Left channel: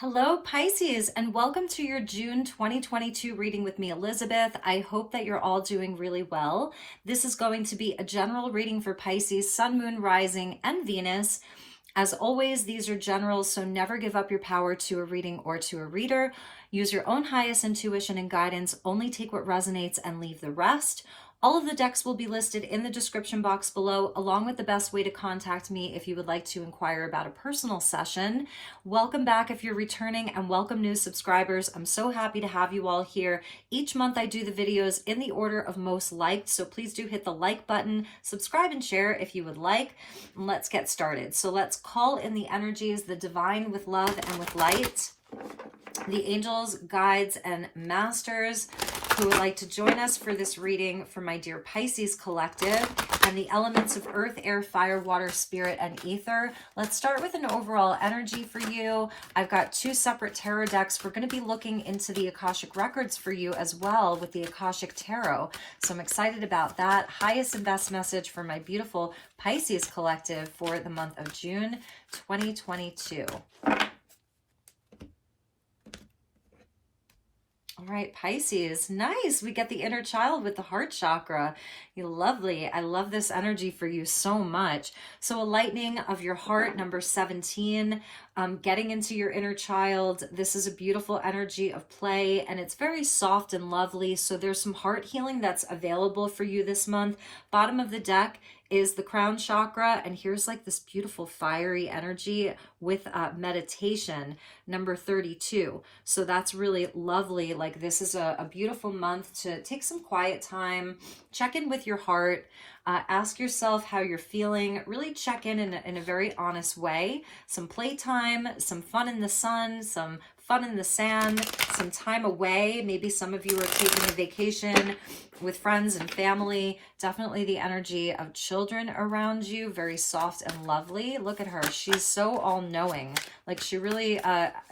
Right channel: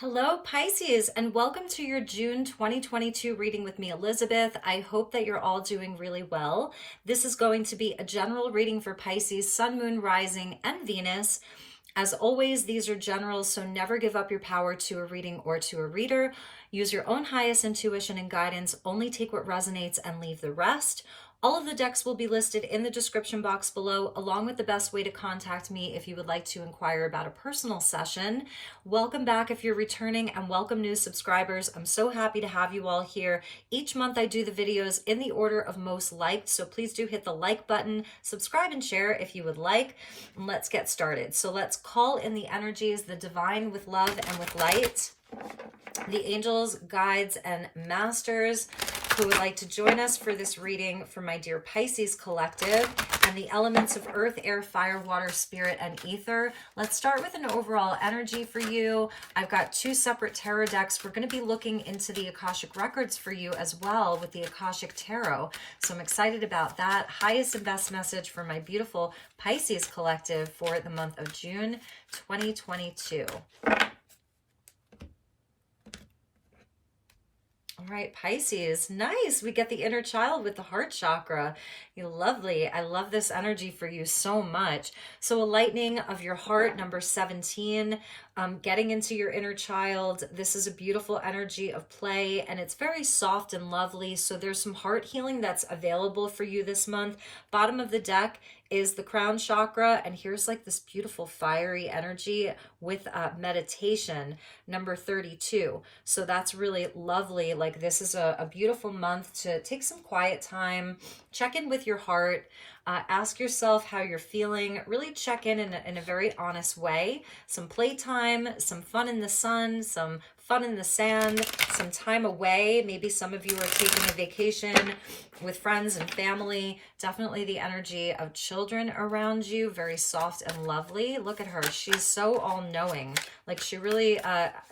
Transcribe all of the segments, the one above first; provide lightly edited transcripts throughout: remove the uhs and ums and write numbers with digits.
Hello, Pisces, and welcome to your June 2022 reading with me, Elizabeth. I hope that you're all doing really well. This is going to be a general reading for Pisces, Sun, Moon, Rising, and Venus. As always, these are generals, so never give up your power to a reading or to a reader. Use your own highest intuition and guidance. Only take what resonates and leave the rest. All of the decks will be listed in the description box below, along with the best way to contact me if you would like to inquire about a personal session. Welcome back if you're returning, and welcome new subscribers. I'm so happy to have you all here. Each month I do the videos in the order of most liked, so please do hit the like button, subscribe and share if you would like, and let's get started. So let's call in the energies, the divine with love and with light, the angels, guides, and masters who would like to join us for this reading for my Dear Pisces collective, and the elements of earth, air, fire, water, spirit, and ether. Let's start with an overall energy for you. I've got two separate tarot decks. We're going to be looking into the Akashic records for you as well with the Akashic Tarot. So I'm excited about that. Highest and best message for my beautiful Pisces collective for the month of June 2022. All right, Pisces, nice. We get the inner child with the heart chakra. Lovely. I love this energy for you so much. So a lightening of your heart, number 17, getting into your inner child. This is a beautiful energy of play, and it's very soft and lovely. So there's some heart healing that's available for you this month. Bottom of the deck is the crown chakra, and here's like this beautiful fiery energy with meditation, number 32. So that's really lovely. Like, this is a beautiful month to take some quiet time, check in with your heart, ask yourself how you're feeling, really check in a very honest way. Some playtime, some fun in the sun, some fun in the sand, some time away. Maybe some of you are taking a vacation with friends and family. Definitely the energy of children around you, very soft and lovely. Look at her. She's so all-knowing. Like, she really,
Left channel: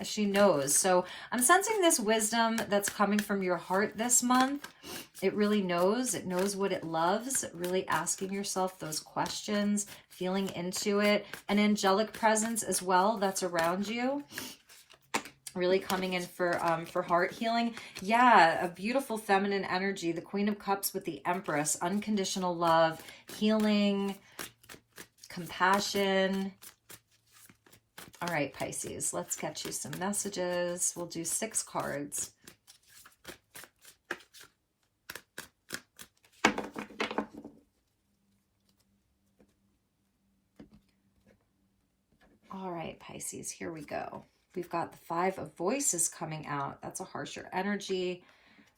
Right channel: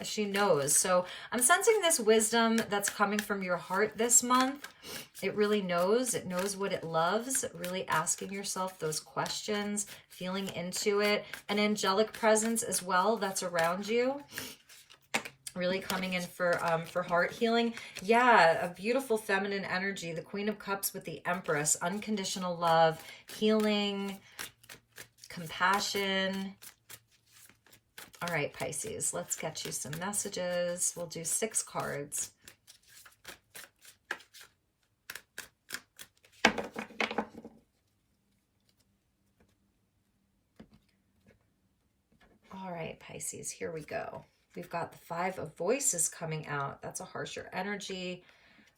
she knows. So I'm sensing this wisdom that's coming from your heart this month. It really knows. It knows what it loves. Really asking yourself those questions, feeling into it. An angelic presence as well that's around you. Really coming in for heart healing. Yeah, a beautiful feminine energy. The Queen of Cups with the Empress. Unconditional love, healing, compassion. All right, Pisces, let's get you some messages. We'll do 6 cards. All right, Pisces, here we go. We've got the 5 of Voices coming out. That's a harsher energy.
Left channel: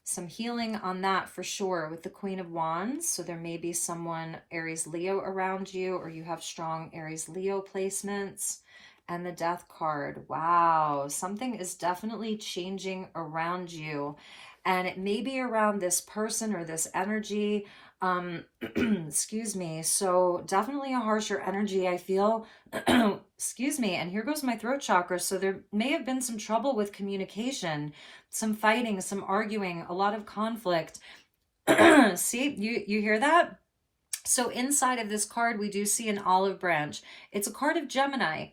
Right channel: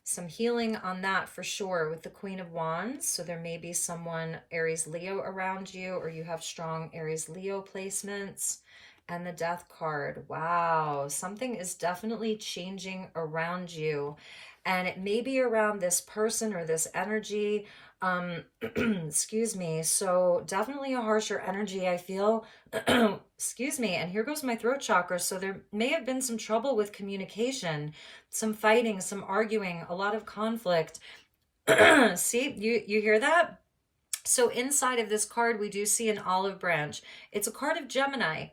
Some healing on that for sure with the Queen of Wands. So there may be someone Aries Leo around you, or you have strong Aries Leo placements. And the Death card. Wow, something is definitely changing around you. And it may be around this person or this energy. Excuse me. So definitely a harsher energy, I feel. Excuse me. And here goes my throat chakra. So there may have been some trouble with communication, some fighting, some arguing, a lot of conflict. See, you hear that? So inside of this card, we do see an olive branch. It's a card of Gemini.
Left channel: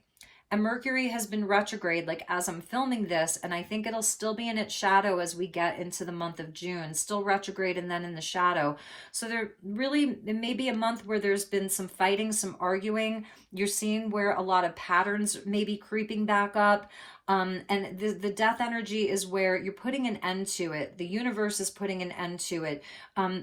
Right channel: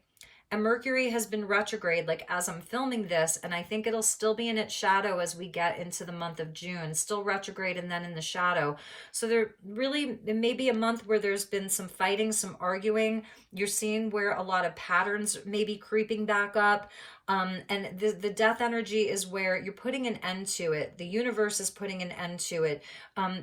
And Mercury has been retrograde, like, as I'm filming this, and I think it'll still be in its shadow as we get into the month of June. Still retrograde and then in the shadow. So it may be a month where there's been some fighting, some arguing. You're seeing where a lot of patterns may be creeping back up. And the death energy is where you're putting an end to it. The universe is putting an end to it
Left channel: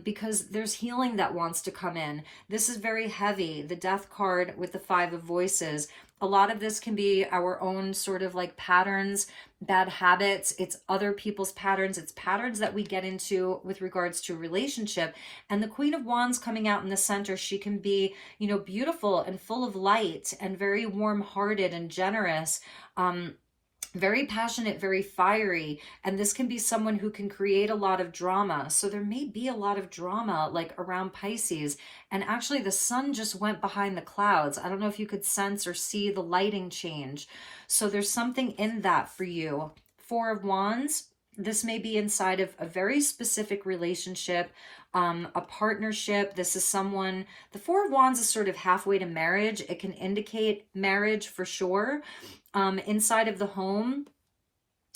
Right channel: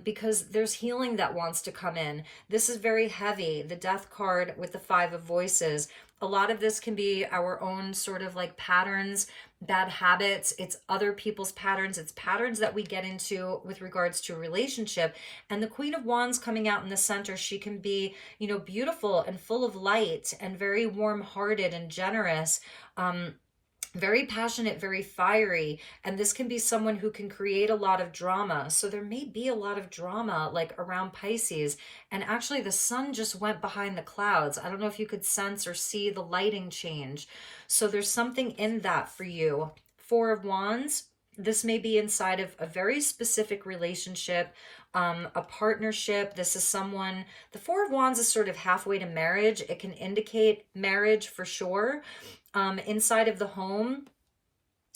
because there's healing that wants to come in. This is very heavy. The Death card with the 5 of Voices. A lot of this can be our own sort of like patterns, bad habits. It's other people's patterns. It's patterns that we get into with regards to a relationship. And the Queen of Wands coming out in the center, she can be, beautiful and full of light and very warm-hearted and generous. Very passionate, very fiery, and this can be someone who can create a lot of drama. So there may be a lot of drama like around Pisces, and actually the sun just went behind the clouds. I don't know if you could sense or see the lighting change. So there's something in that for you. 4 of Wands, this may be inside of a very specific relationship, a partnership. This is someone, the Four of Wands is sort of halfway to marriage. It can indicate marriage for sure. Inside of the home,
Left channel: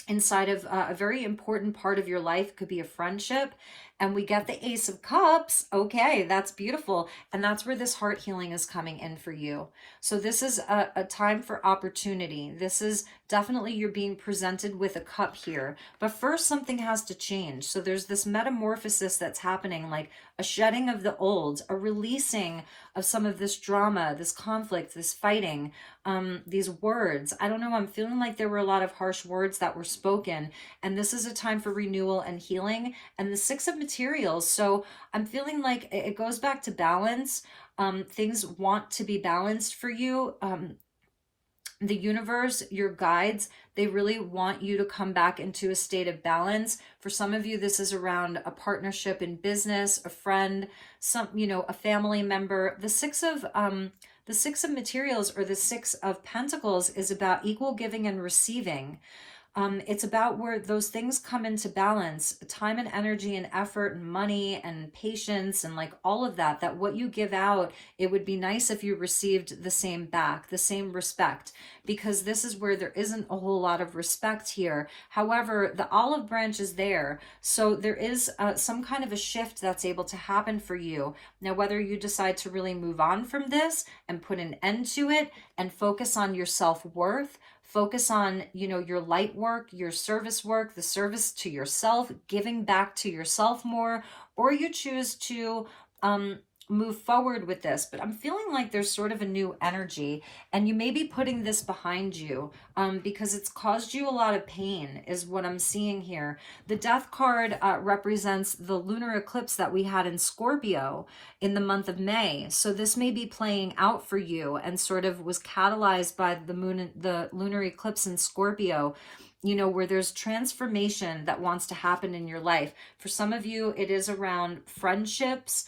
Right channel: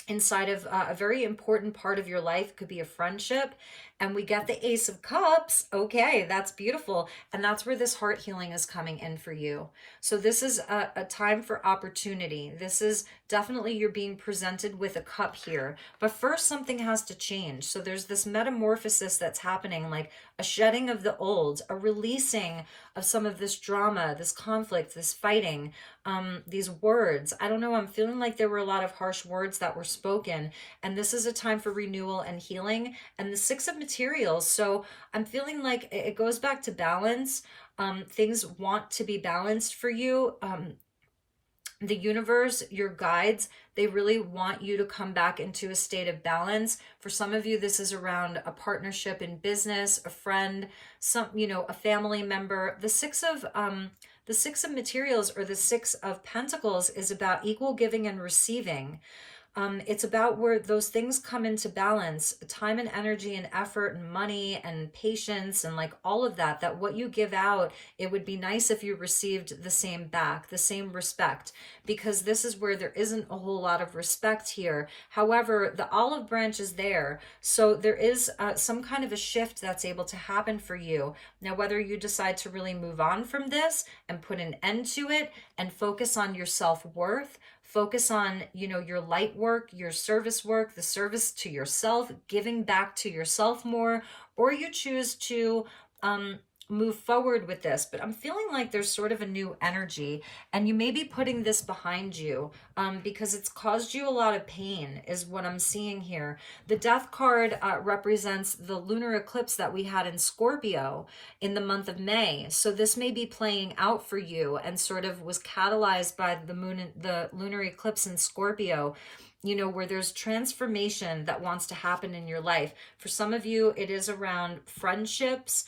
inside of a very important part of your life. Could be a friendship. And we get the Ace of Cups. Okay, that's beautiful. And that's where this heart healing is coming in for you. So this is a time for opportunity. This is definitely, you're being presented with a cup here. But first, something has to change. So there's this metamorphosis that's happening, like a shedding of the old, a releasing of some of this drama, this conflict, this fighting, these words. I don't know, I'm feeling like there were a lot of harsh words that were spoken, and this is a time for renewal and healing. And the Six of Materials, so I'm feeling like it goes back to balance. Things want to be balanced for you. The universe, your guides, they really want you to come back into a state of balance. For some of you, this is around a partnership in business, a friend, a family member. The Six of Materials, or the Six of Pentacles, is about equal giving and receiving. It's about where those things come into balance, time and energy and effort and money and patience and like all of that, that what you give out, it would be nice if you received the same back, the same respect, because this is where there isn't a whole lot of respect here. However, the olive branch is there. So there is some kind of a shift that's able to happen for you. Now, whether you decide to really move on from this and put an end to it and focus on your self-worth, focus on, your light work, your service work, the service to yourself, giving back to yourself more, or you choose to move forward with this. But I'm feeling like there's sort of a new energy, and you may be putting this behind you because it's caused you a lot of pain, is what I'm seeing here. The Death card represents the lunar eclipse that we had in Scorpio in the month of May. So this may be playing out for you and sort of was catalyzed by the lunar eclipse in Scorpio, where there's transformation that wants to happen in your life. For some of you, it is around friendships,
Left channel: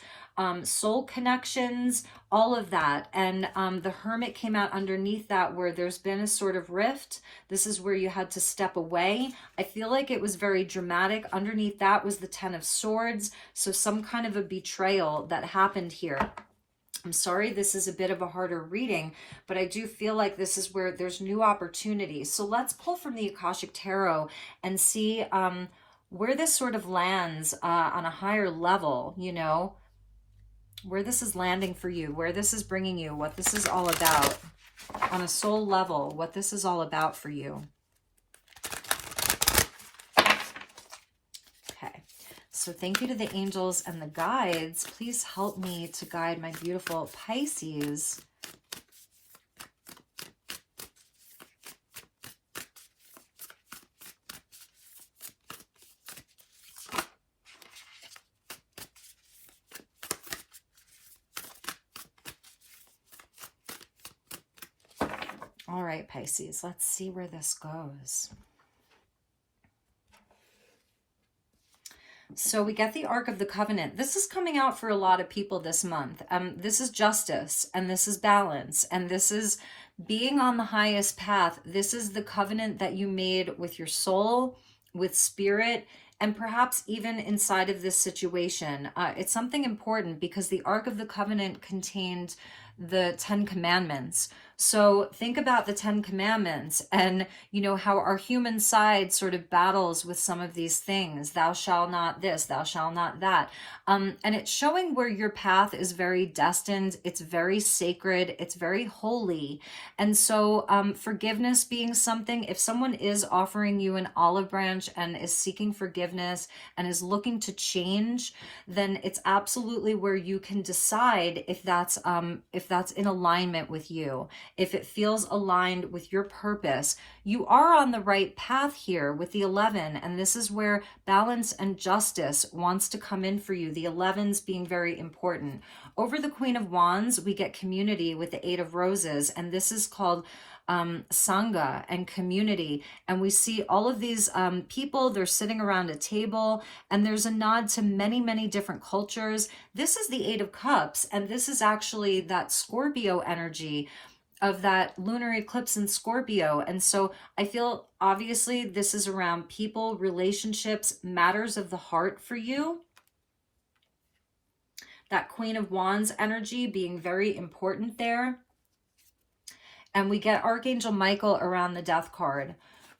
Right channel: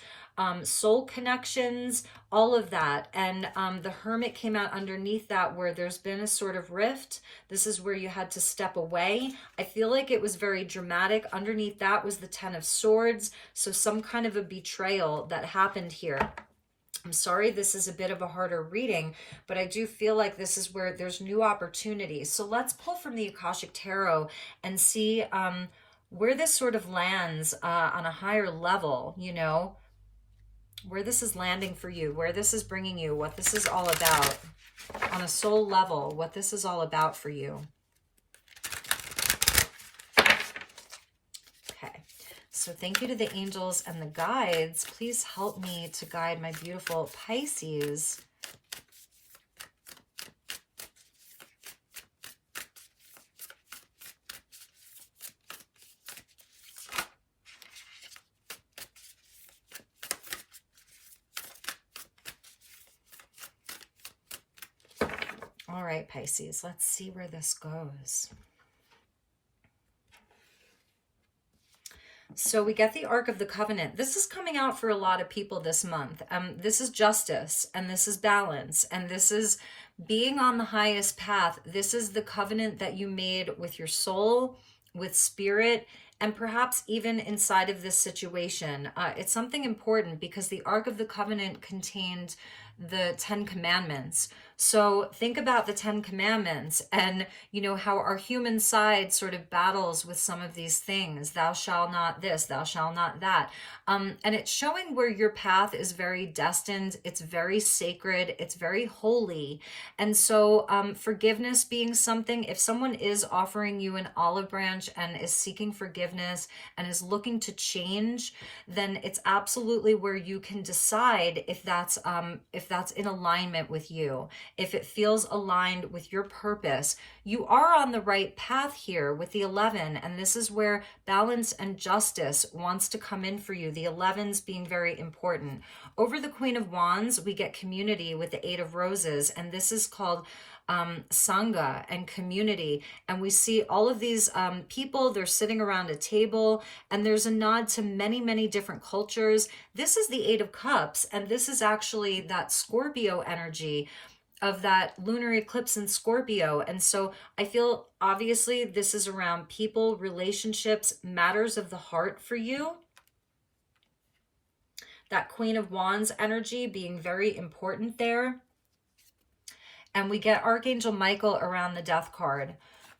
soul connections, all of that. And the Hermit came out underneath that, where there's been a sort of rift. This is where you had to step away. I feel like it was very dramatic. Underneath that was the Ten of Swords. So some kind of a betrayal that happened here. I'm sorry, this is a bit of a harder reading, but I do feel like this is where there's new opportunities. So let's pull from the Akashic Tarot and see where this sort of lands on a higher level, where this is landing for you, where this is bringing you, what this is all about on a soul level, what this is all about for you. Okay, so thank you to the angels and the guides. Please help me to guide my beautiful Pisces. All right, Pisces, let's see where this goes. So we get the Ark of the Covenant. This is coming out for a lot of people this month. This is justice, and this is balance, and this is being on the highest path. This is the covenant that you made with your soul, with spirit, and perhaps even inside of this situation. It's something important because the Ark of the Covenant contained the 10 Commandments. So think about the 10 Commandments and, how our human side sort of battles with some of these things. Thou shalt not this, thou shalt not that. And it's showing where your path is very destined. It's very sacred. It's very holy. And so forgiveness being something, if someone is offering you an olive branch and is seeking forgiveness and is looking to change, then it's absolutely where you can decide if that's in alignment with you. If it feels aligned with your purpose, you are on the right path here with the 11. And this is where balance and justice wants to come in for you. The 11s being very important. Over the Queen of Wands, we get community with the 8 of Roses. And this is called Sangha and community. And we see all of these people, they're sitting around a table, and there's a nod to many, many different cultures. This is the 8 of Cups. And this is actually that Scorpio energy of that lunar eclipse in Scorpio. And so I feel obviously this is around people, relationships, matters of the heart for you. That Queen of Wands energy being very important there. And we get Archangel Michael around the Death card.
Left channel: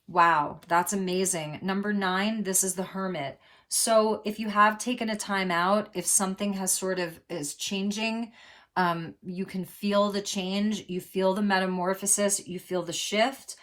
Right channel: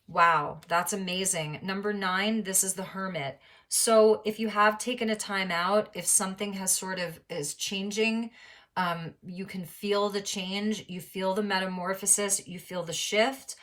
Wow, that's amazing. Number 9, this is the Hermit. So if you have taken a time out, if something has sort of is changing, you can feel the change, you feel the metamorphosis, you feel the shift.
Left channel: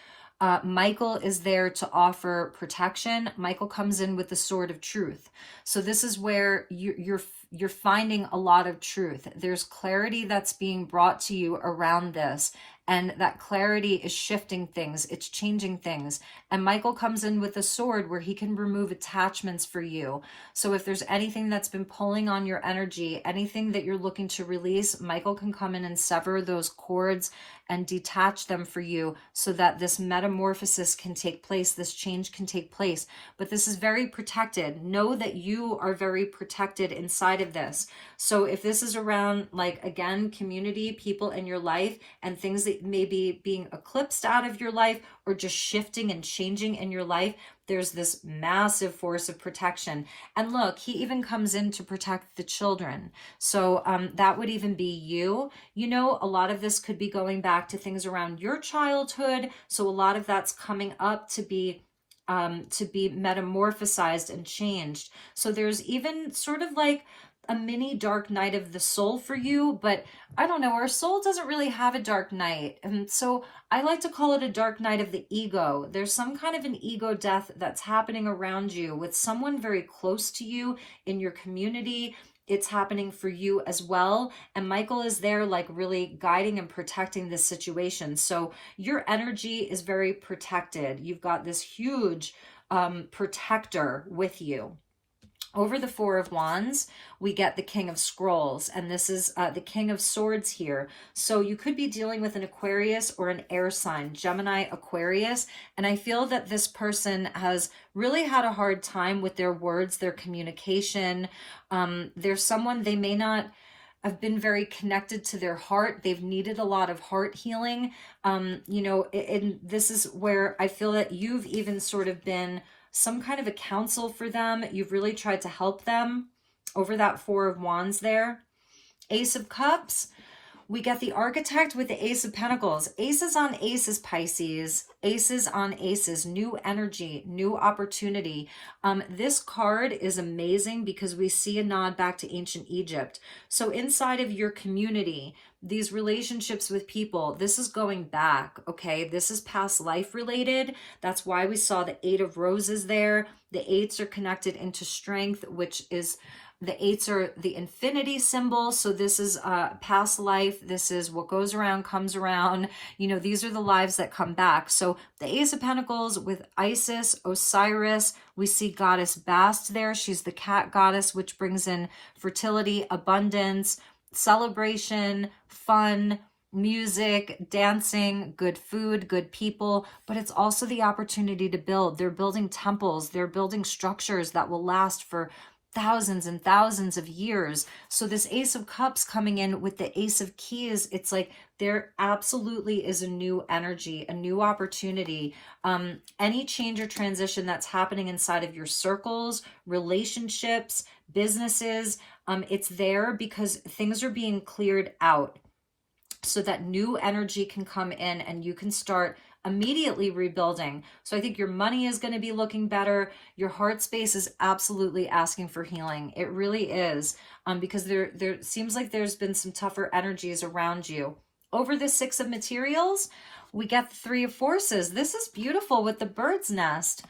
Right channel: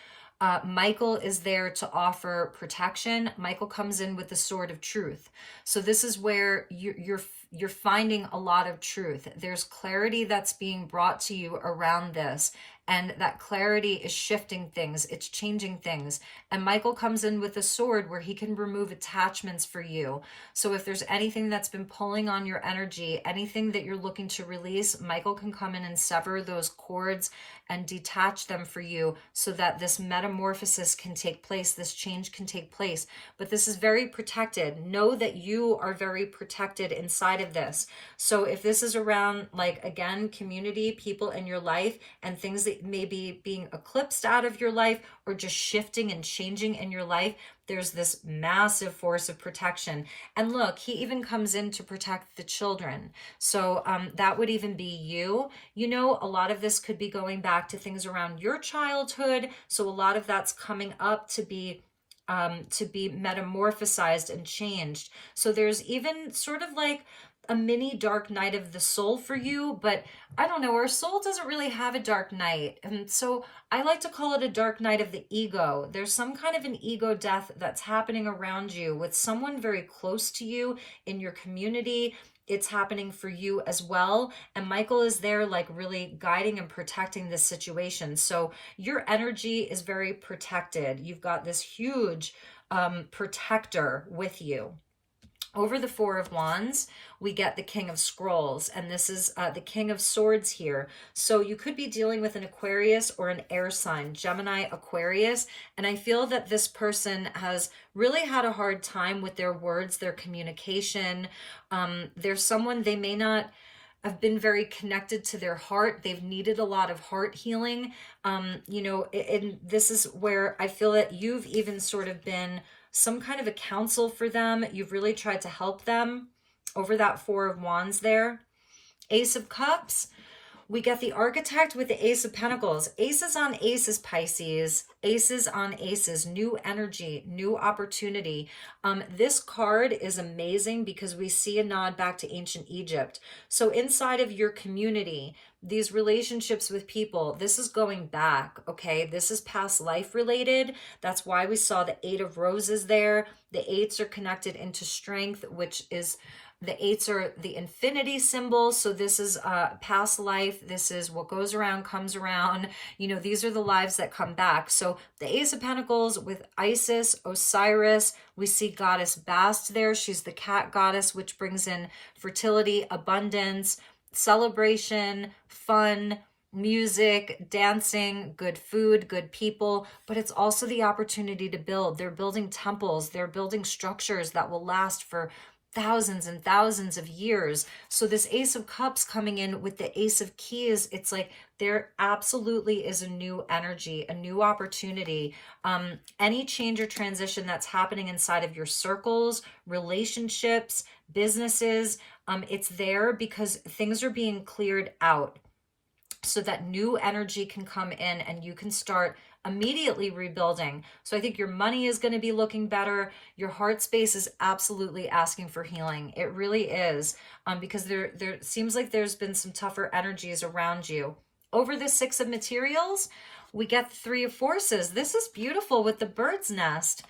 Michael is there to offer protection. Michael comes in with the sword of truth. So this is where you're finding a lot of truth. There's clarity that's being brought to you around this. And that clarity is shifting things. It's changing things. And Michael comes in with a sword where he can remove attachments for you. So if there's anything that's been pulling on your energy, anything that you're looking to release, Michael can come in and sever those cords and detach them for you so that this metamorphosis can take place, this change can take place. But this is very protected. Know that you are very protected inside of this. So if this is around, like, again, community, people in your life, and things that may be being eclipsed out of your life or just shifting and changing in your life, there's this massive force of protection. And look, he even comes in to protect the children. So that would even be you. You know, a lot of this could be going back to things around your childhood. So a lot of that's coming up to be metamorphosized and changed. So there's even sort of like a mini dark night of the soul for you, but I don't know, our soul doesn't really have a dark night. And so I like to call it a dark night of the ego. There's some kind of an ego death that's happening around you with someone very close to you in your community. It's happening for you as well. And Michael is there, like, really guiding and protecting this situation. So your energy is very protected. You've got this huge protector with you. Over the Four of Wands, we get the King of Scrolls, and this is the King of Swords here. So you could be dealing with an Aquarius or an air sign, Gemini, Aquarius, and I feel that this person has really had a hard time with their words, their communication. There's someone, they may not have been very connected to their heart. They've needed a lot of heart healing. You know, and this is where I feel that you've even sort of been some kind of a counsel for them. You've really tried to help them over that Four of Wands there. Ace of Cups, we get the Architect with the Ace of Pentacles. Aces on aces, Pisces. Aces on aces. New energy, new opportunity. This card is amazing because we see a nod back to ancient Egypt. So inside of your community, these relationships with people, this is going back, okay? This is past life related. That's why we saw the Eight of Roses there. The eights are connected into strength, which is, the eights are the infinity symbol. So this is past life. This is what goes around comes around. You know, these are the lives that come back. So the Ace of Pentacles with Isis, Osiris, we see Goddess Bast there. She's the cat goddess, which brings in fertility, abundance, celebration, fun, music, dancing, good food, good people, but it's also the opportunity to build. They're building temples, they're building structures that will last for thousands and thousands of years. So this Ace of Cups coming in with the Ace of Keys, it's like there absolutely is a new energy, a new opportunity. Any change or transition that's happening inside of your circles, relationships, businesses, it's there because things are being cleared out so that new energy can come in and you can start immediately rebuilding. So I think your money is going to be looking better. Your heart space is absolutely asking for healing. It really is, because there seems like there's been some tougher energies around you. Over the Six of Materials, we get the Three of Forces. This is beautiful with the bird's nest.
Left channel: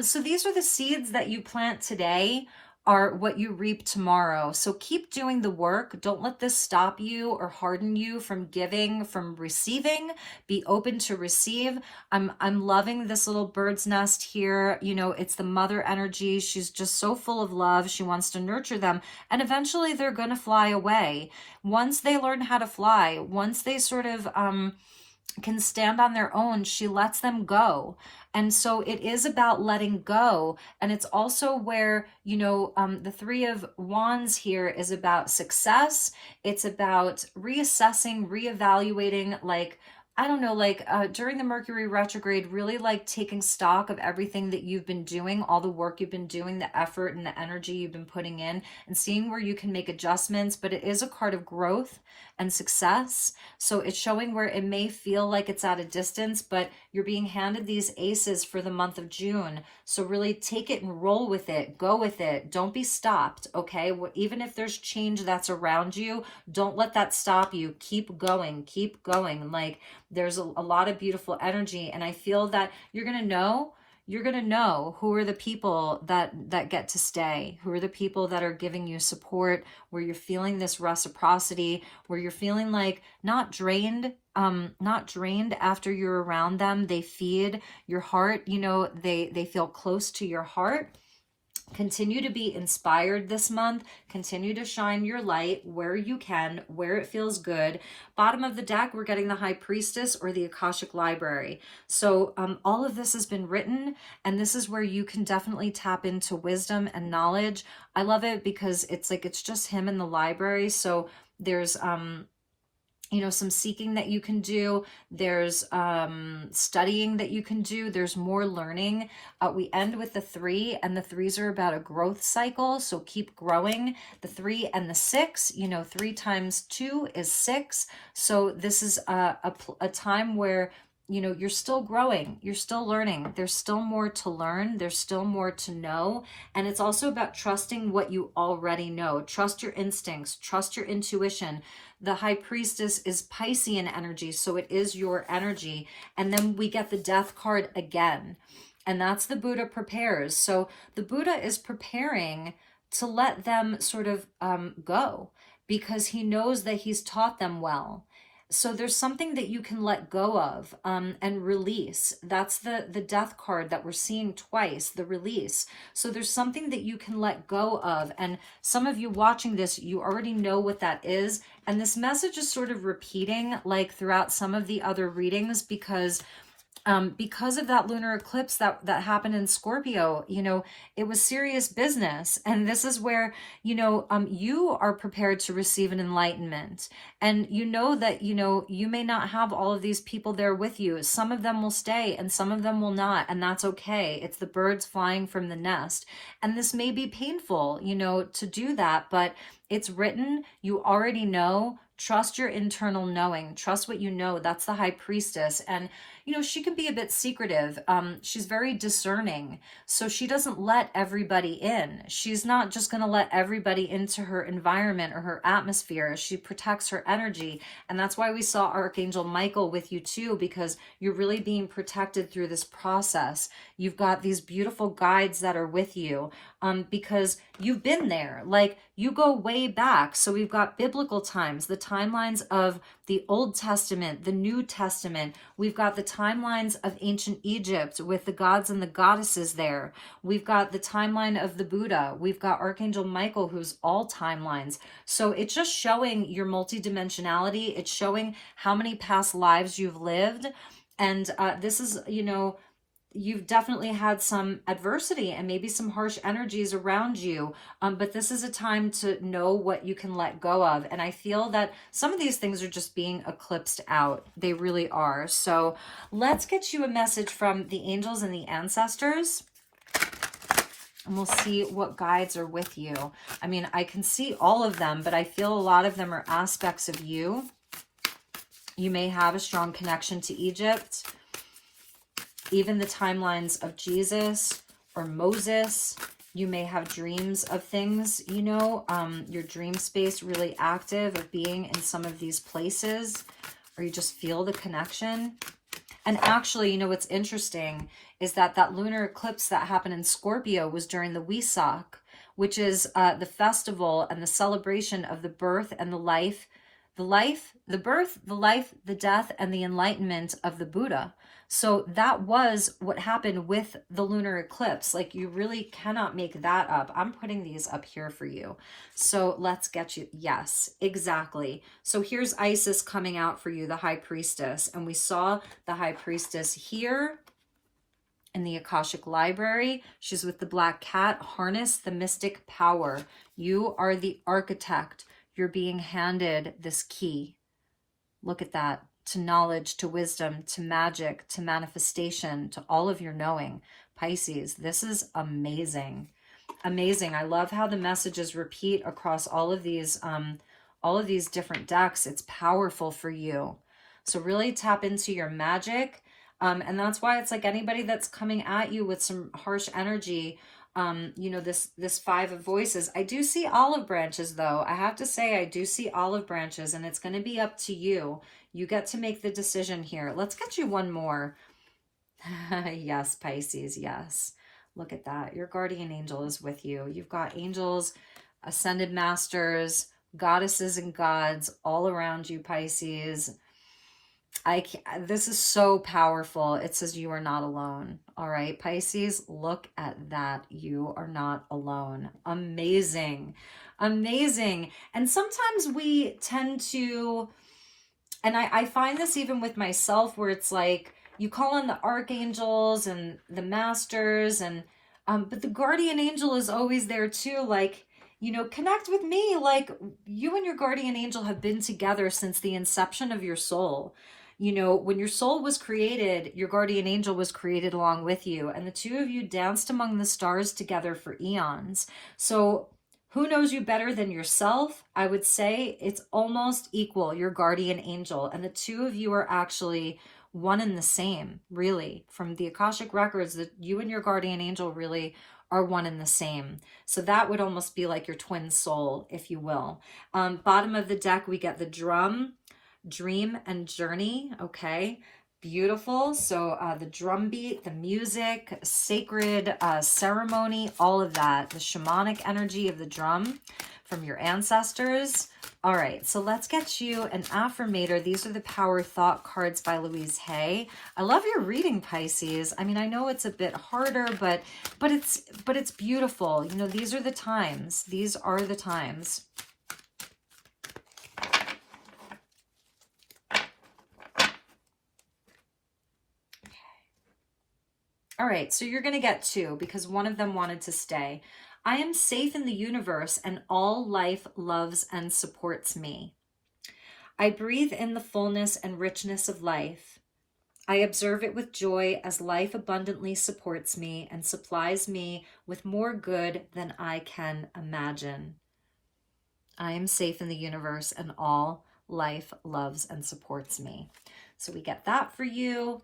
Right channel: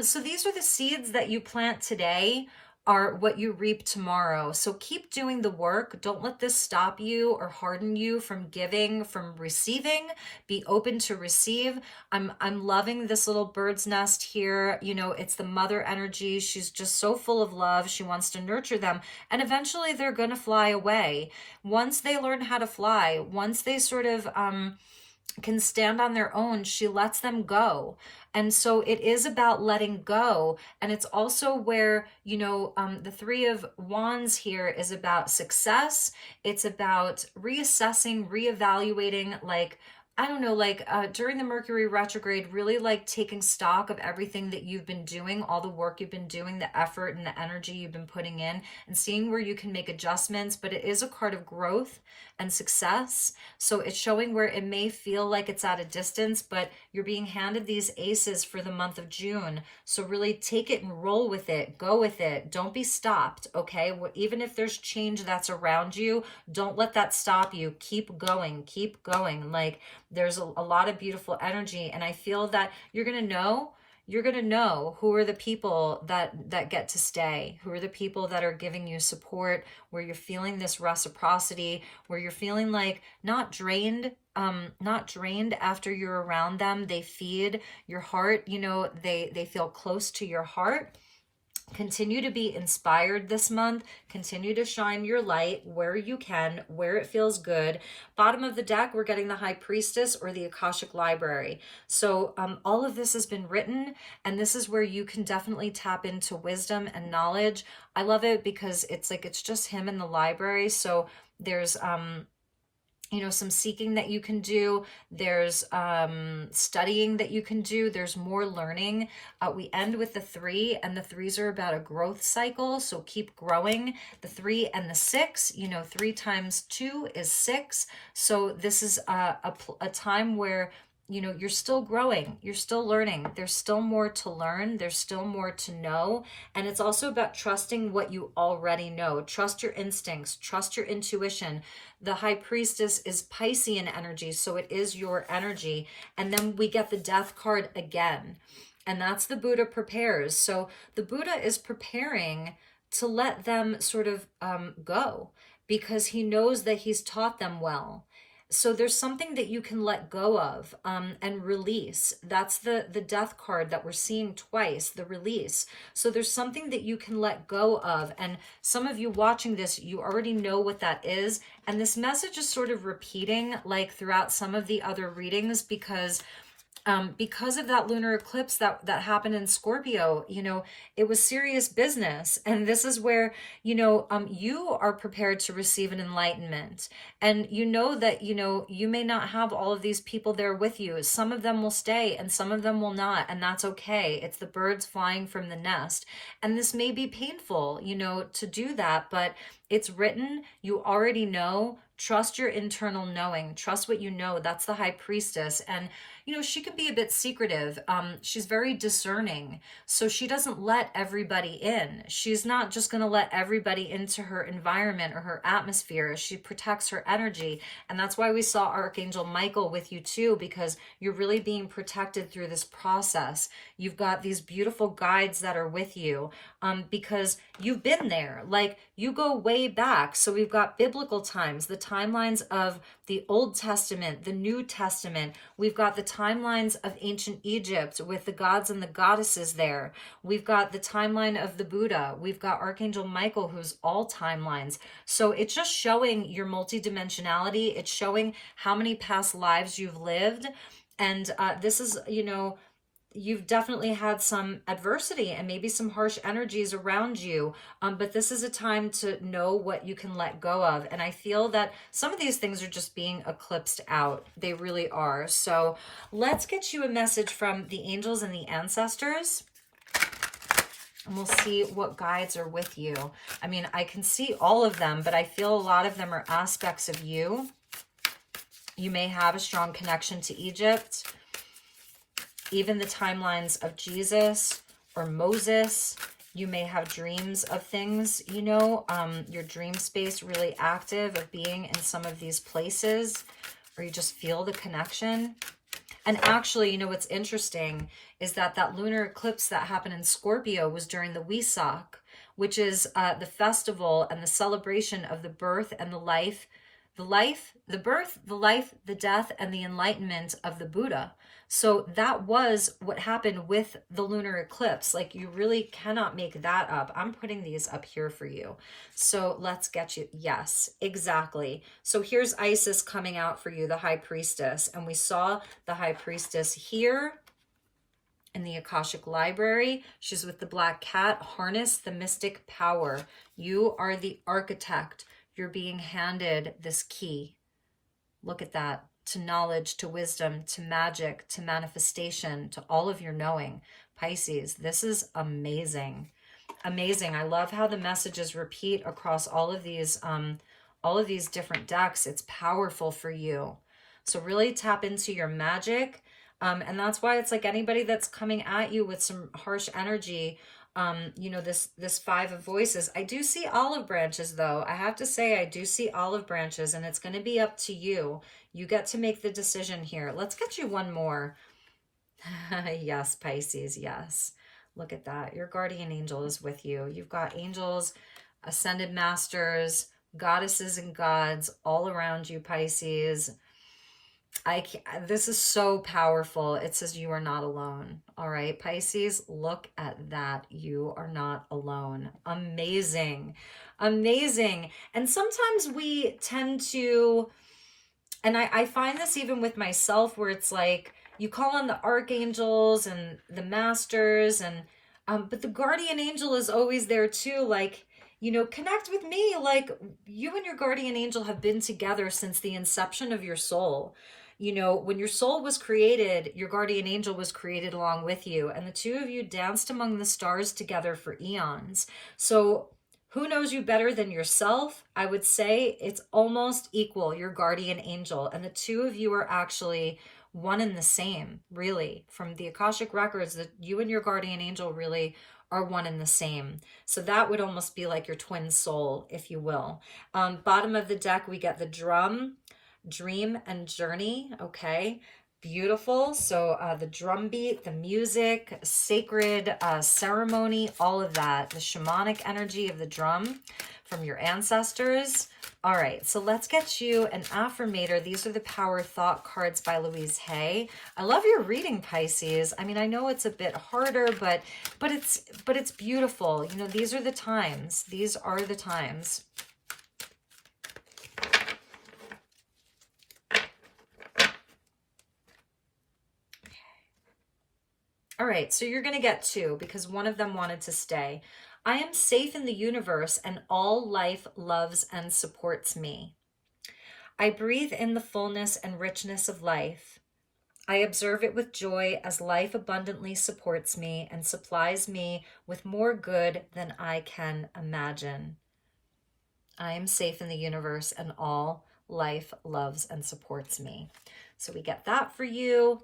So these are the seeds that you plant today are what you reap tomorrow. So keep doing the work. Don't let this stop you or harden you from giving, from receiving. Be open to receive. I'm loving this little bird's nest here. You know, it's the mother energy. She's just so full of love. She wants to nurture them. And eventually they're going to fly away. Once they learn how to fly, once they sort of can stand on their own, she lets them go. And so it is about letting go. And it's also where, you know, the Three of Wands here is about success. It's about reassessing, reevaluating, like, I don't know, like during the Mercury retrograde, really like taking stock of everything that you've been doing, all the work you've been doing, the effort and the energy you've been putting in, and seeing where you can make adjustments. But it is a card of growth and success. So it's showing where it may feel like it's at a distance, but you're being handed these aces for the month of June. So really take it and roll with it. Go with it. Don't be stopped, okay? Even if there's change that's around you, don't let that stop you. Keep going. Keep going. Like, there's a lot of beautiful energy, and I feel that you're going to know who are the people that get to stay, who are the people that are giving you support, where you're feeling this reciprocity, where you're feeling like not drained after you're around them. They feed your heart, you know, they feel close to your heart. Continue to be inspired this month. Continue to shine your light where you can, where it feels good. Bottom of the deck, we're getting the High Priestess or the Akashic Library. So all of this has been written, and this is where you can definitely tap into wisdom and knowledge. I love it because it's like it's just him in the library. So there's you know, some seeking that you can do. There's studying that you can do. There's more learning. We end with the 3, and the 3s are about a growth cycle. So keep growing. The 3 and the 6, you know, 3 times 2 is 6. So this is a time where, you know, you're still growing, you're still learning, there's still more to learn, there's still more to know. And it's also about trusting what you already know. Trust your instincts, trust your intuition. The High Priestess is Piscean energy, so it is your energy. And then we get the Death card again, and that's the Buddha prepares. So the Buddha is preparing to let them sort of go, because he knows that he's taught them well. So there's something that you can let go of and release. That's the Death card that we're seeing twice, the release. So there's something that you can let go of. And some of you watching this, you already know what that is. And this message is sort of repeating like throughout some of the other readings, because of that lunar eclipse that happened in Scorpio, you know, it was serious business. And this is where, you know, you are prepared to receive an enlightenment. And you know that, you know, you may not have all of these people there with you. Some of them will stay and some of them will not. And that's okay. It's the birds flying from the nest. And this may be painful, you know, to do that, but it's written. You already know. Trust your internal knowing. Trust what you know. That's the High Priestess. And, you know, she can be a bit secretive. She's very discerning. So she doesn't let everybody in. She's not just going to let everybody into her environment or her atmosphere. She protects her energy. And that's why we saw Archangel Michael with you too, because you're really being protected through this process. You've got these beautiful guides that are with you because you've been there. Like, you go way back. So we've got biblical times, the timelines of the Old Testament, the New Testament. We've got the timelines of ancient Egypt with the gods and the goddesses there. We've got the timeline of the Buddha. We've got Archangel Michael, who's all timelines. So it's just showing your multidimensionality. It's showing how many past lives you've lived. And this is, you know, you've definitely had some adversity and maybe some harsh energies around you. But this is a time to know what you can let go of. And I feel that some of these things are just being eclipsed out. They really are. So let's get you a message from the angels and the ancestors. And we'll see what guides are with you. I mean, I can see all of them, but I feel a lot of them are aspects of you. You may have a strong connection to Egypt. Even the timelines of Jesus or Moses. You may have dreams of things, you know, your dream space really active of being in some of these places, or you just feel the connection. And actually, you know, what's interesting is that that lunar eclipse that happened in Scorpio was during the Wesak, which is the festival and the celebration of the birth and the life, the birth, the life, the death, and the enlightenment of the Buddha. So that was what happened with the lunar eclipse. Like, you really cannot make that up. I'm putting these up here for you. So let's get you. Yes, exactly. So here's Isis coming out for you, the High Priestess. And we saw the High Priestess here in the Akashic Library. She's with the black cat. Harness the mystic power. You are the architect. You're being handed this key. Look at that. To knowledge, to wisdom, to magic, to manifestation, to all of your knowing. Pisces, this is amazing. Amazing. I love how the messages repeat across all of these all of these different decks. It's powerful for you. So really tap into your magic. And that's why it's like anybody that's coming at you with some harsh energy, you know, this Five of Voices. I do see olive branches, though. I have to say, I do see olive branches, and it's going to be up to you. You get to make the decision here. Let's get you one more. Yes, Pisces, yes. Look at that. Your guardian angel is with you. You've got angels, ascended masters, goddesses and gods all around you, Pisces. This is so powerful. It says you are not alone. All right, Pisces, look at that. You are not alone. Amazing. Amazing. And sometimes we tend to, and I find this even with myself, where it's like you call on the archangels and the masters, and but the guardian angel is always there too. Like, you know, connect with me. Like, you and your guardian angel have been together since the inception of your soul. You know, when your soul was created, your guardian angel was created along with you, and the two of you danced among the stars together for eons. So who knows you better than yourself? I would say it's almost equal, your guardian angel, and the two of you are actually one and the same, really. From the Akashic records, that you and your guardian angel really are one and the same. So that would almost be like your twin soul, if you will. Bottom of the deck, we get the drum, dream, and journey. Okay, beautiful. So the drum beat, the music, sacred ceremony, all of that, the shamanic energy of the drum from your ancestors. All right, so let's get you an affirmator. These are the Power Thought cards by Louise Hay. I love your reading, Pisces. I mean, I know it's a bit harder, but it's beautiful. You know, these are the times. These are the times. All right, so you're going to get two because one of them wanted to stay. I am safe in the universe and all life loves and supports me. I breathe in the fullness and richness of life. I observe it with joy as life abundantly supports me and supplies me with more good than I can imagine. I am safe in the universe and all life loves and supports me. So we get that for you.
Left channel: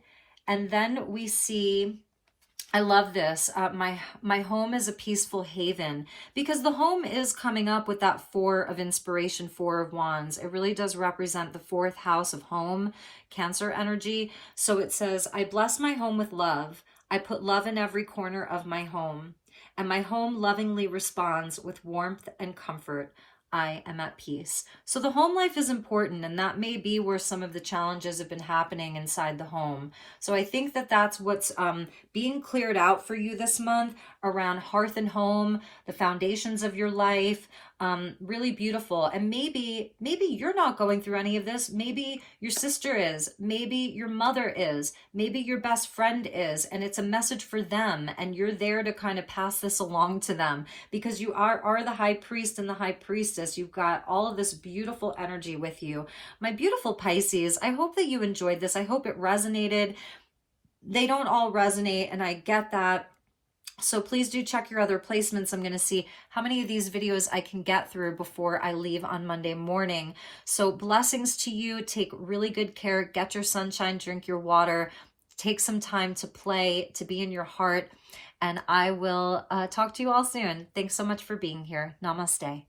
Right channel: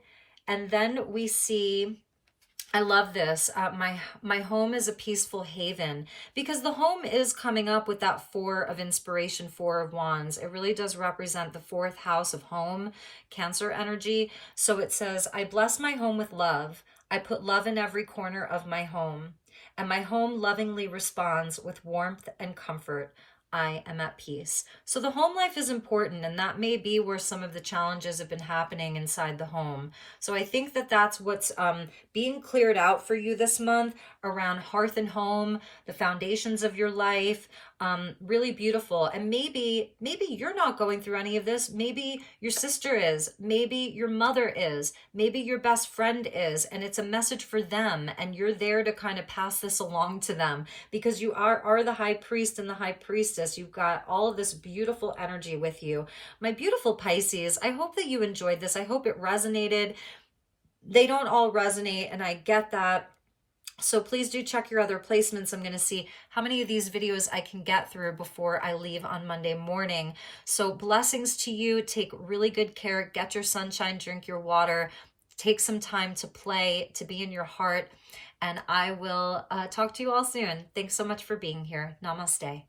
And then we see, I love this. My home is a peaceful haven, because the home is coming up with that Four of Inspiration, Four of Wands. It really does represent the fourth house of home, Cancer energy. So it says, I bless my home with love. I put love in every corner of my home, and my home lovingly responds with warmth and comfort. I am at peace. So the home life is important, and that may be where some of the challenges have been happening inside the home. So I think that that's what's being cleared out for you this month around hearth and home, the foundations of your life. Really beautiful. And maybe you're not going through any of this. Maybe your sister is, maybe your mother is, maybe your best friend is, and it's a message for them, and you're there to kind of pass this along to them, because you are the high priest and the high priestess. You've got all of this beautiful energy with you. My beautiful Pisces, I hope that you enjoyed this. I hope it resonated. They don't all resonate, and I get that. So please do check your other placements. I'm going to see how many of these videos I can get through before I leave on Monday morning. So blessings to you. Take really good care. Get your sunshine, drink your water, take some time to play, to be in your heart. And I will talk to you all soon. Thanks so much for being here. Namaste.